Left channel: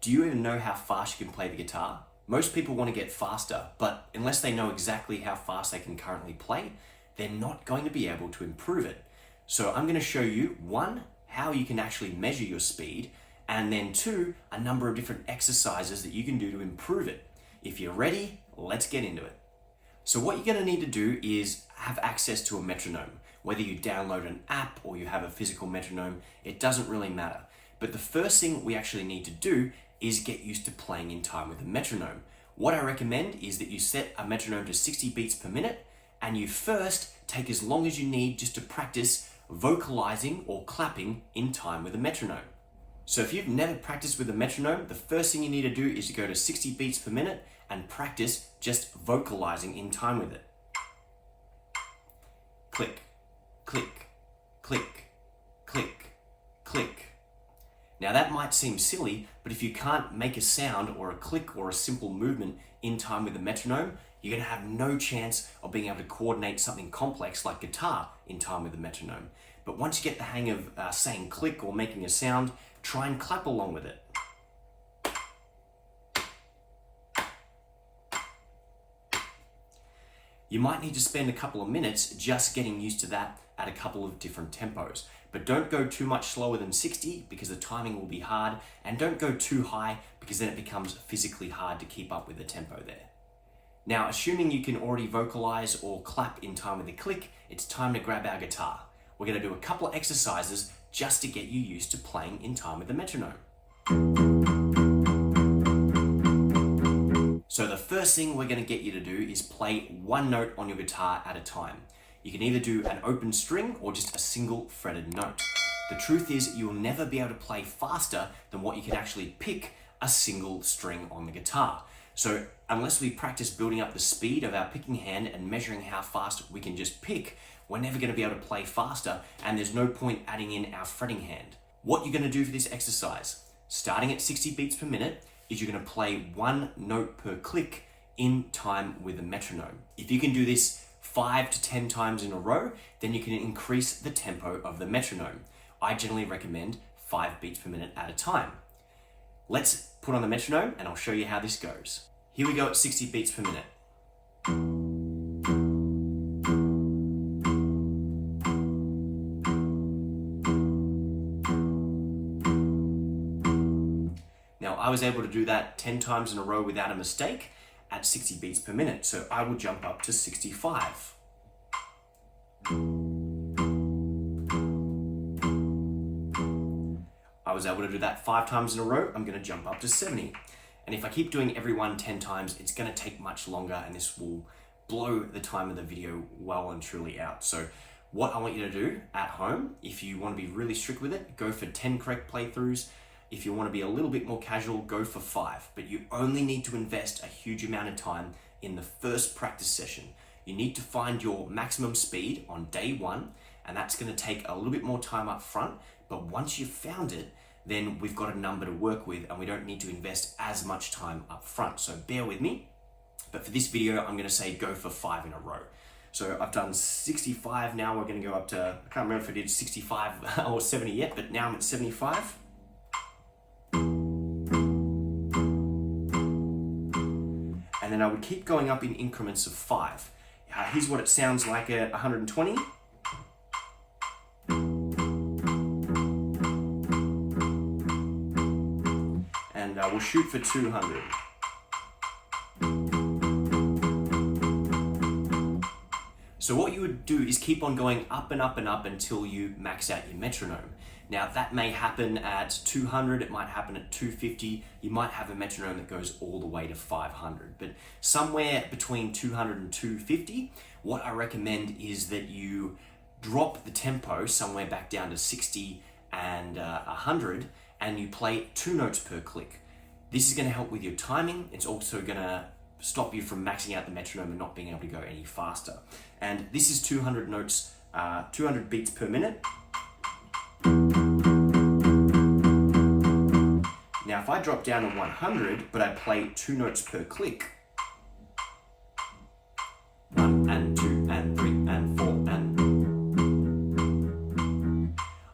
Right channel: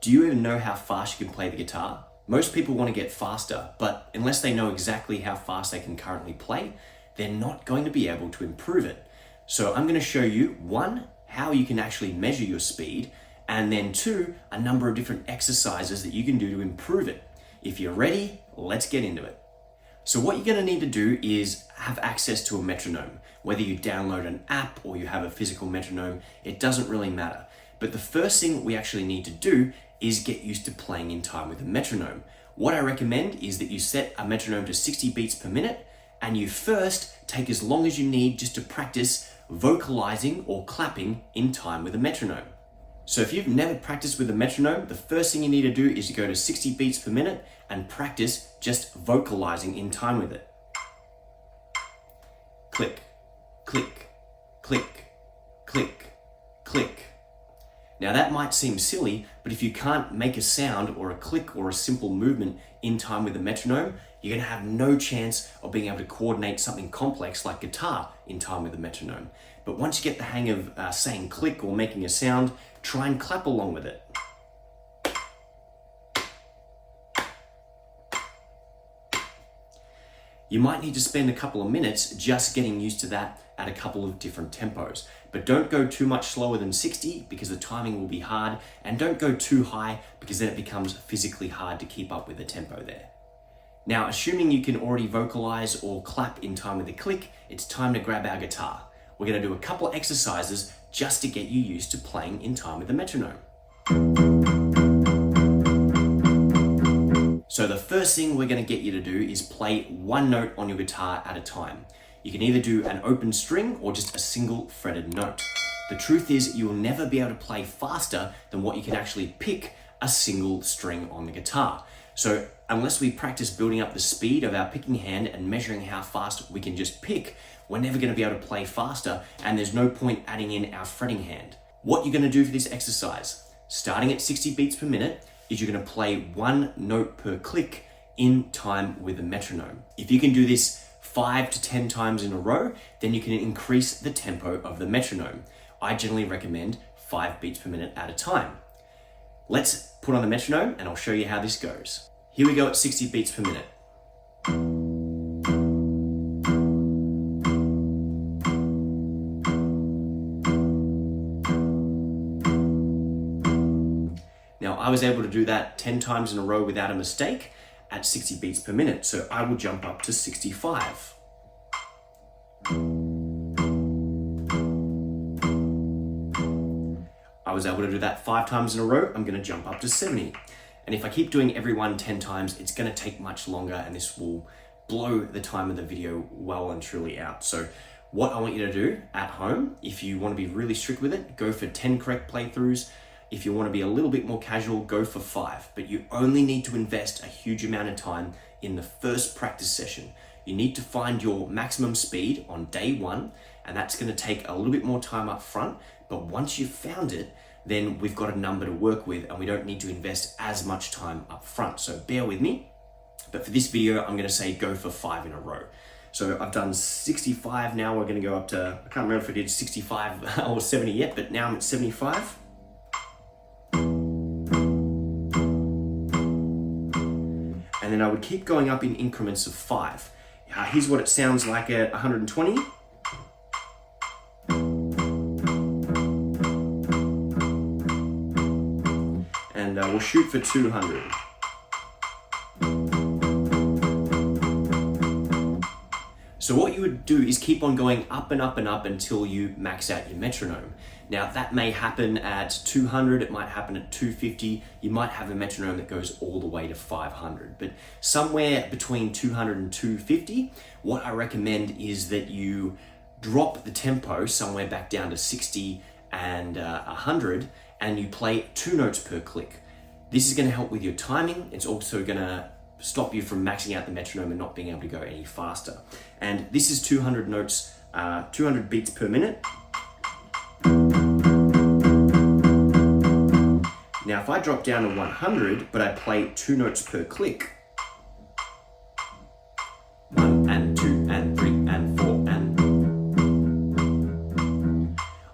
Do you even know how fast you can play the guitar? Most people want to get faster, but unless they know exactly how fast they can currently play, they're not going to be able to improve it. So I'm going to show you, one, how you can actually measure your speed, and then two, a number of different exercises that you can do to improve it. If you're ready, let's get into it. So what you're going to need to do is have access to a metronome. Whether you download an app or you have a physical metronome, it doesn't really matter. But the first thing we actually need to do is get used to playing in time with a metronome. What I recommend is that you set a metronome to 60 beats per minute, and you first take as long as you need just to practice vocalizing or clapping in time with a metronome. So if you've never practiced with a metronome, the first thing you need to do is to go to 60 beats per minute and practice just vocalizing in time with it. Click, click, click, click, click. Now that might seem silly, but if you can't make a sound or a click or a simple movement in time with the metronome, you're going to have no chance of being able to coordinate something complex like guitar in time with the metronome. But once you get the hang of saying click or making a sound, try and clap along with it. You might need to spend a couple of minutes just getting used to that at a couple of different tempos. But don't go too much slower than 60 because the timing will be hard, and don't go too high because then it becomes physically hard to keep up with the tempo there. Now, assuming you can already vocalize or clap in time with the click, it's time to grab our guitar. We're going to do a couple of exercises just to get you used to playing in time with the metronome. So the first thing we're going to get you to do is play one note on your guitar at a time. You can either do an open string or just a single fretted note. The truth is you'll never be able to play faster than what you can actually pick a single string on the guitar. So unless we practice building up the speed of our picking hand and measuring how fast we can just pick, we're never going to be able to play faster, and there's no point adding in our fretting hand. What you're going to do for this exercise, starting at 60 beats per minute, is you're going to play one note per click in time with the metronome. If you can do this 5 to 10 times in a row, then you can increase the tempo of the metronome. I generally recommend 5 beats per minute at a time. Let's put on the metronome and I'll show you how this goes. Here we go at 60 beats per minute. Now, I was able to do that 10 times in a row without a mistake at 60 beats per minute, so I will jump up to 65. I was able to do that 5 times in a row. I'm going to jump up to 70. And if I keep doing every one 10 times, it's going to take much longer, and this will blow the time of the video well and truly out. So what I want you to do at home, if you want to be really strict with it, go for 10 correct playthroughs. If you want to be a little bit more casual, go for 5, but you only need to invest a huge amount of time in the first practice session. You need to find your maximum speed on day 1, and that's going to take a little bit more time up front, but once you've found it, then we've got a number to work with and we don't need to invest as much time up front. So bear with me, but for this video, I'm going to say go for 5 in a row. So I've done 65, now we're going to go up to, I can't remember if I did 65 or 70 yet, but now I'm at 75. And then I would keep going up in increments of 5. Here's what it sounds like at 120. And we'll shoot for 200. So what you would do is keep on going up and up and up until you max out your metronome. Now that may happen at 200, it might happen at 250, you might have a metronome that goes all the way to 500, but somewhere between 200 and 250, what I recommend is that you drop the tempo somewhere back down to 60 and 100, and you play 2 notes per click. This is going to help with your timing. It's also going to stop you from maxing out the metronome and not being able to go any faster. And this is 200 notes, 200 beats per minute. Now, if I drop down to 100, but I play 2 notes per click, 1 and 2 and 3 and 4 and,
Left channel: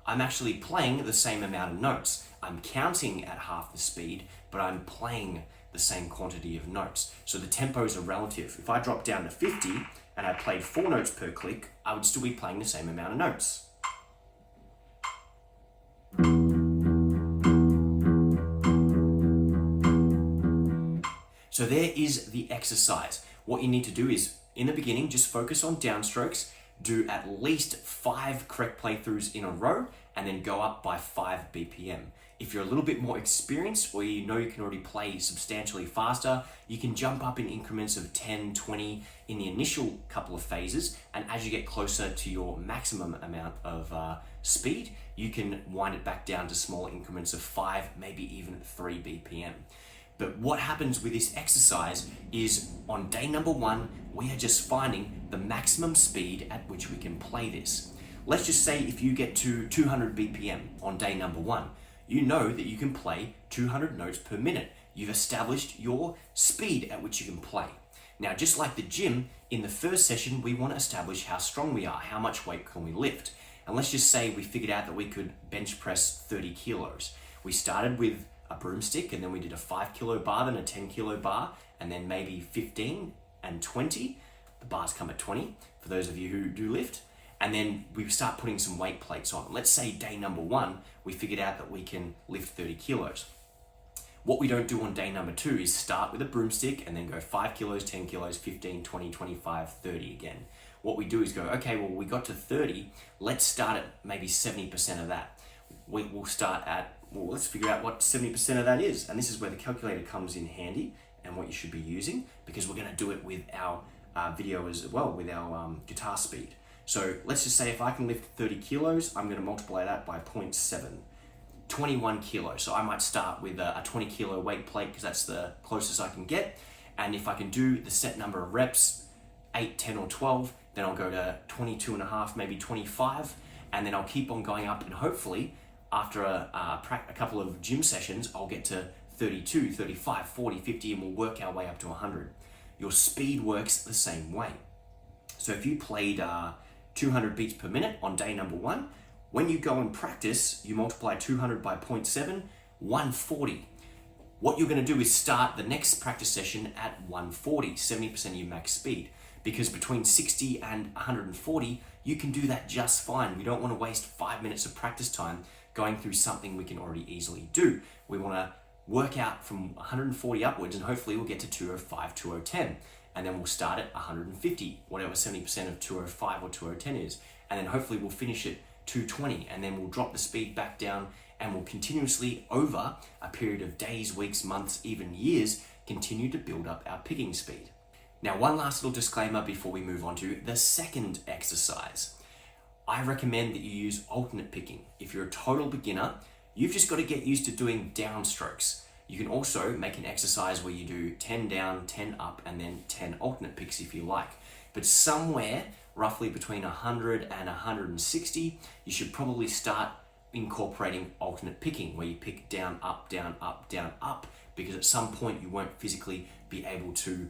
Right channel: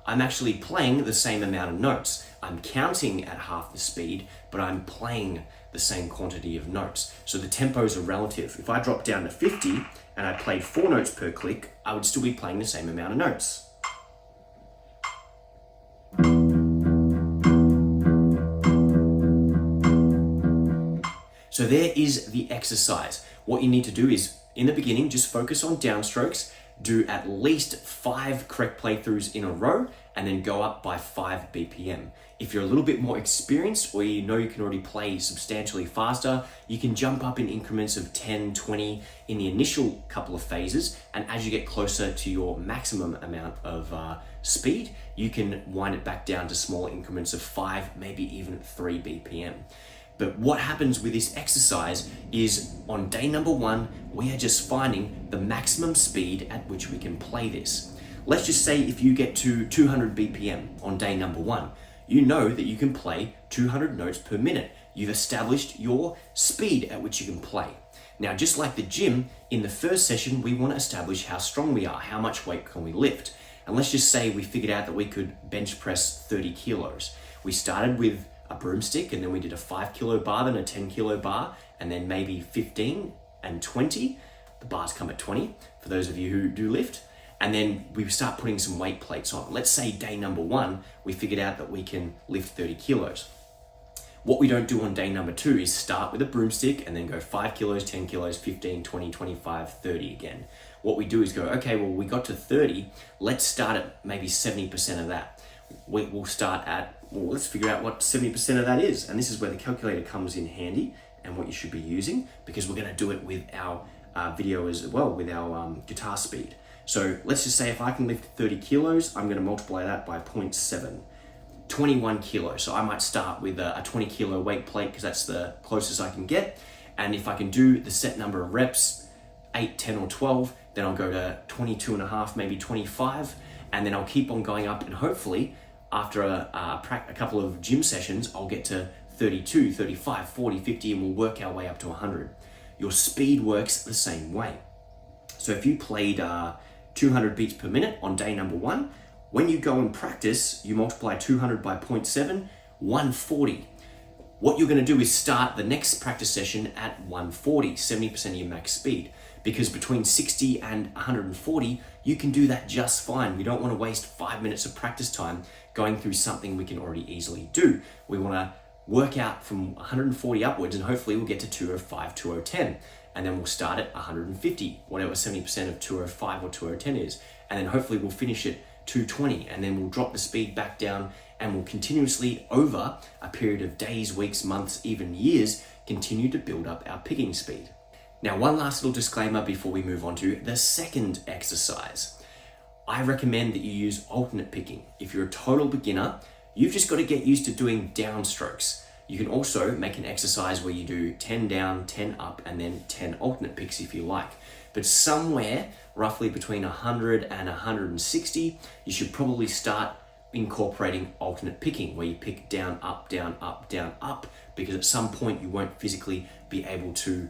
I'm I'm actually playing the same amount of notes. I'm counting at half the speed, but I'm playing the same quantity of notes. So the tempos are relative. If I drop down to 50 and I played 4 notes per click, I would still be playing the same amount of notes. So there is the exercise. What you need to do is, in the beginning, just focus on downstrokes, do at least 5 correct playthroughs in a row, and then go up by 5 BPM. If you're a little bit more experienced, or you know you can already play substantially faster, you can jump up in increments of 10, 20 in the initial couple of phases, and as you get closer to your maximum amount of speed, you can wind it back down to smaller increments of 5, maybe even 3 BPM. But what happens with this exercise is on day number 1, we are just finding the maximum speed at which we can play this. Let's just say if you get to 200 BPM on day number 1, you know that you can play 200 notes per minute. You've established your speed at which you can play. Now, just like the gym, in the first session, we want to establish how strong we are, how much weight can we lift. And let's just say we figured out that we could bench press 30 kilos. We started with a broomstick, and then we did a 5 kilo bar, then a 10 kilo bar, and then maybe 15 and 20. The bars come at 20 for those of you who do lift. And then we start putting some weight plates on. Let's say day number 1, we figured out that we can lift 30 kilos. What we don't do on day number 2 is start with a broomstick and then go 5 kilos, 10 kilos, 15, 20, 25, 30 again. What we do is go, okay, well, we got to 30. Let's start at maybe 70% of that. We'll start at, well, let's figure out what 70% of that is. And this is where the calculator comes in handy and what you should be using, because we're going to do it with our video as well, with our guitar speed. So let's just say if I can lift 30 kilos, I'm going to multiply that by 0.7, 21 kilos. So I might start with a 20 kilo weight plate because that's the closest I can get. And if I can do the set number of reps, 8, 10, or 12, then I'll go to 22 and a half, maybe 25. And then I'll keep on going up, and hopefully after a couple of gym sessions, I'll get to 32, 35, 40, 50, and we'll work our way up to 100. Your speed works the same way. So if you played 200 beats per minute on day number 1, when you go and practice, you multiply 200 by 0.7, 140. What you're going to do is start the next practice session at 140, 70% of your max speed, because between 60 and 140, you can do that just fine. We don't want to waste 5 minutes of practice time going through something we can already easily do. We want to work out from 140 upwards, and hopefully we'll get to 205, 2010. And then we'll start at 150, whatever 70% of 205 or 2010 is. And then hopefully we'll finish at 220, and then we'll drop the speed back down, and we'll continuously, over a period of days, weeks, months, even years, continue to build up our picking speed. Now, one last little disclaimer before we move on to the second exercise. I recommend that you use alternate picking. If you're a total beginner, you've just got to get used to doing downstrokes. You can also make an exercise where you do 10 down, 10 up, and then 10 alternate picks if you like. But somewhere roughly between 100 and 160, you should probably start incorporating alternate picking, where you pick down, up, down, up, down, up, because at some point you won't physically be able to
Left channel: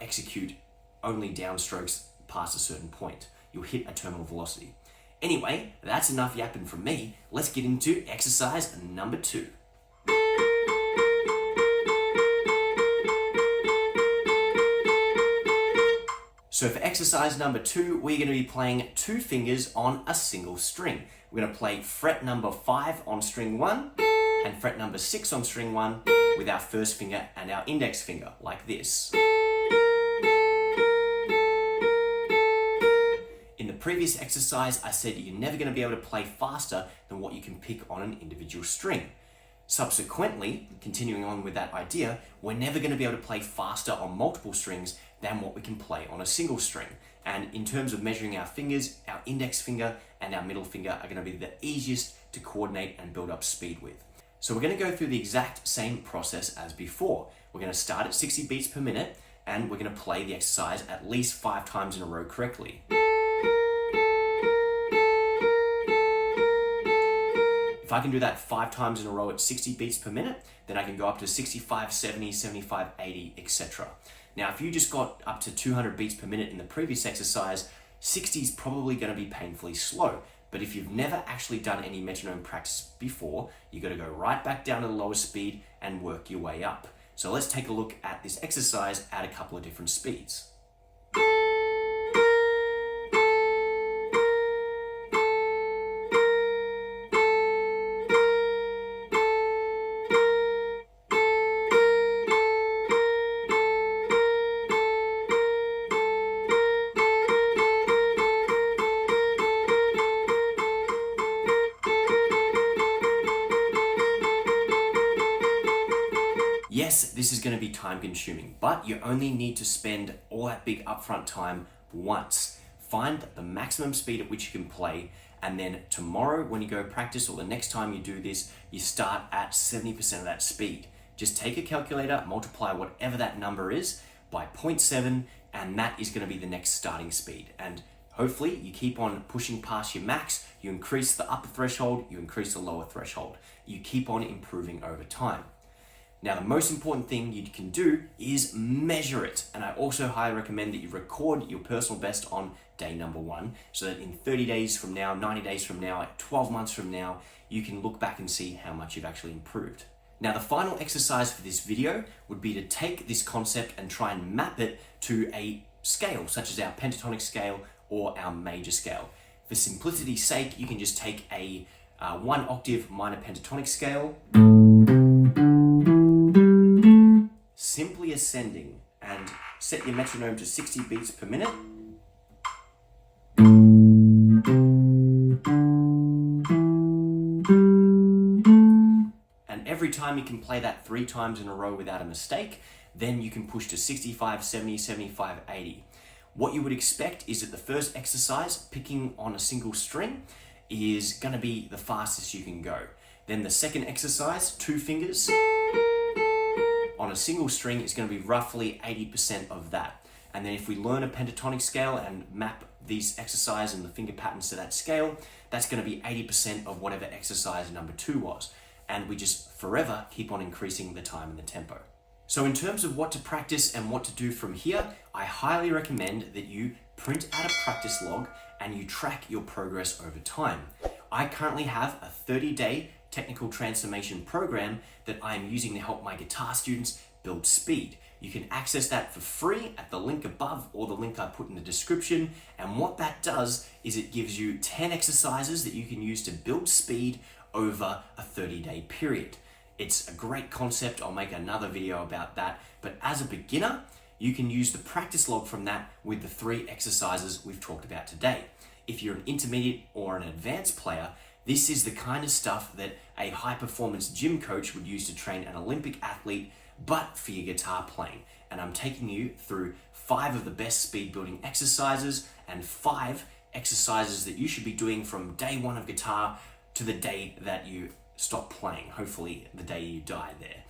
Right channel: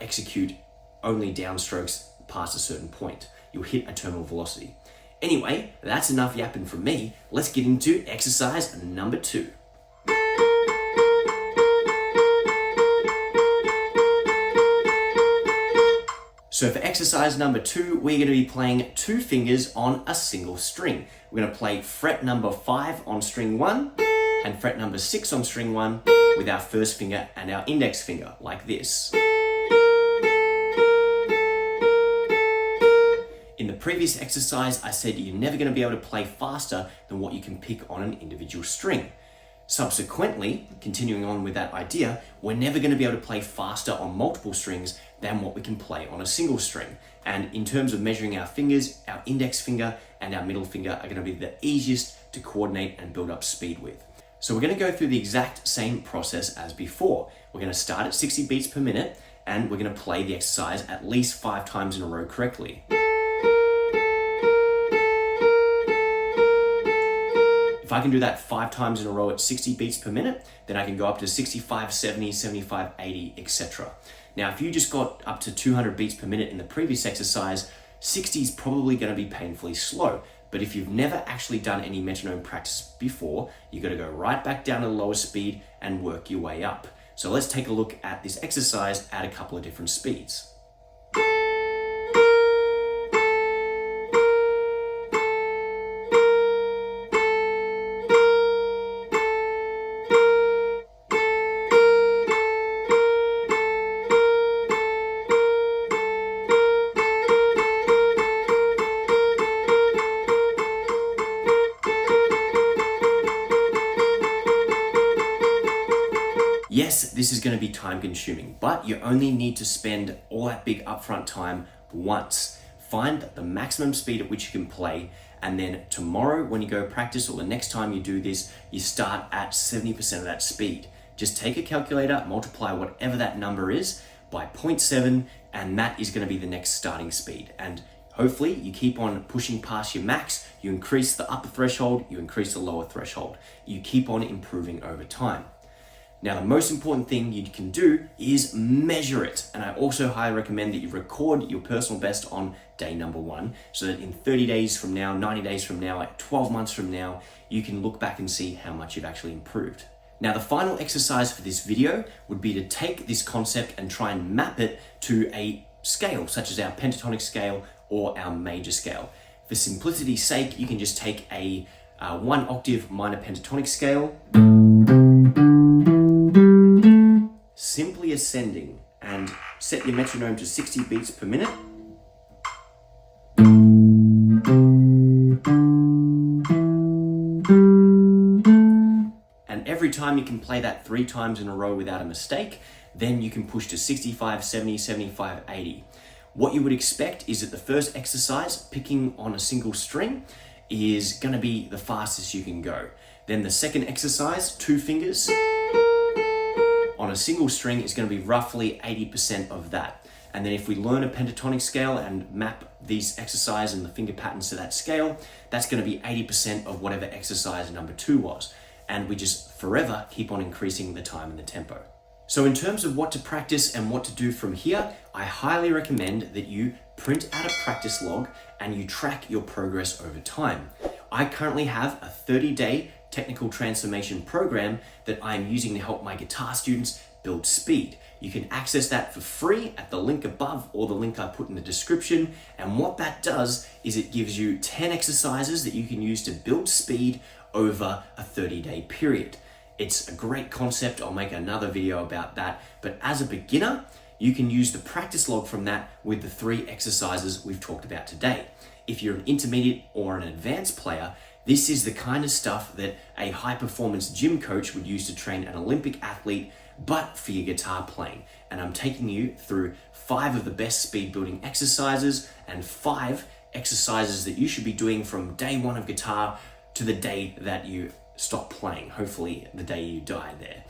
execute only downstrokes past a certain point. You'll hit a terminal velocity. Anyway, that's enough yapping from me. Let's get into exercise number 2. So for exercise number 2, we're going to be playing 2 fingers on a single string. We're going to play fret number 5 on string 1 and fret number 6 on string 1 with our first finger and our index finger, like this. In the previous exercise, I said you're never going to be able to play faster than what you can pick on an individual string. Subsequently, continuing on with that idea, we're never going to be able to play faster on multiple strings than what we can play on a single string. And in terms of measuring our fingers, our index finger and our middle finger are going to be the easiest to coordinate and build up speed with. So we're going to go through the exact same process as before. We're going to start at 60 beats per minute, and we're going to play the exercise at least 5 times in a row correctly. If I can do that 5 times in a row at 60 beats per minute, then I can go up to 65, 70, 75, 80, etc. Now, if you just got up to 200 beats per minute in the previous exercise, 60 is probably going to be painfully slow. But if you've never actually done any metronome practice before, you've got to go right back down to the lowest speed and work your way up. So let's take a look at this exercise at a couple of different speeds. Yes, this is going to be time consuming, but you only need to spend all that big upfront time once. Find the maximum speed at which you can play, and then tomorrow when you go practice, or the next time you do this, you start at 70% of that speed. Just take a calculator, multiply whatever that number is by 0.7, and that is going to be the next starting speed. And hopefully you keep on pushing past your max, you increase the upper threshold, you increase the lower threshold. You keep on improving over time. Now, the most important thing you can do is measure it. And I also highly recommend that you record your personal best on day number 1, so that in 30 days from now, 90 days from now, 12 months from now, you can look back and see how much you've actually improved. Now, the final exercise for this video would be to take this concept and try and map it to a scale, such as our pentatonic scale or our major scale. For simplicity's sake, you can just take a 1 octave minor pentatonic scale, simply ascending, and set your metronome to 60 beats per minute. And every time you can play that 3 times in a row without a mistake, then you can push to 65, 70, 75, 80. What you would expect is that the first exercise, picking on a single string, is going to be the fastest you can go. Then the second exercise, 2 fingers on a single string, is going to be roughly 80% of that. And then if we learn a pentatonic scale and map these exercises and the finger patterns to that scale, that's going to be 80% of whatever exercise number 2 was. And we just forever keep on increasing the time and the tempo. So in terms of what to practice and what to do from here, I highly recommend that you print out a practice log and you track your progress over time. I currently have a 30-day technical transformation program that I'm using to help my guitar students build speed. You can access that for free at the link above or the link I put in the description. And what that does is it gives you 10 exercises that you can use to build speed over a 30-day period. It's a great concept. I'll make another video about that. But as a beginner, you can use the practice log from that with the 3 exercises we've talked about today. If you're an intermediate or an advanced player, this is the kind of stuff that a high-performance gym coach would use to train an Olympic athlete, but for your guitar playing. And I'm taking you through 5 of the best speed building exercises and 5 exercises that you should be doing from day 1 of guitar to the day that you stop playing, hopefully the day you die there,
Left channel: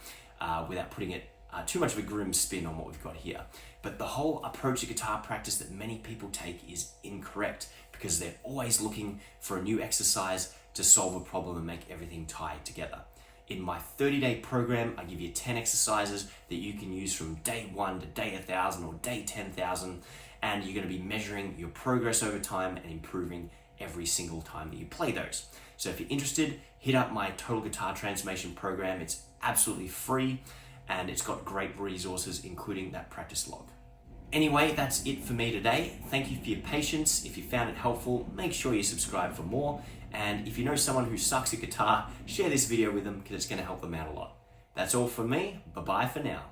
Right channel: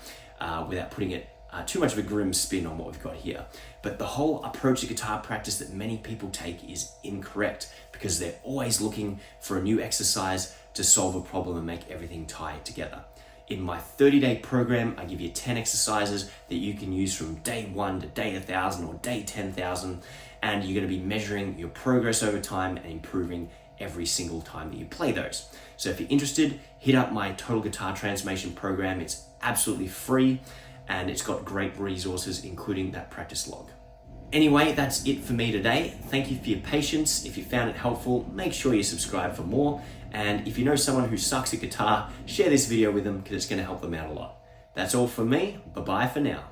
without putting it too much of a grim spin on what we've got here. But the whole approach to guitar practice that many people take is incorrect, because they're always looking for a new exercise to solve a problem and make everything tie together. In my 30-day program, I give you 10 exercises that you can use from day 1 to day 1,000 or day 10,000, and you're going to be measuring your progress over time and improving every single time that you play those. So if you're interested, hit up my Total Guitar Transformation program. It's absolutely free, and it's got great resources, including that practice log. Anyway, that's it for me today. Thank you for your patience. If you found it helpful, make sure you subscribe for more. And if you know someone who sucks at guitar, share this video with them, because it's going to help them out a lot. That's all from me. Bye-bye for now.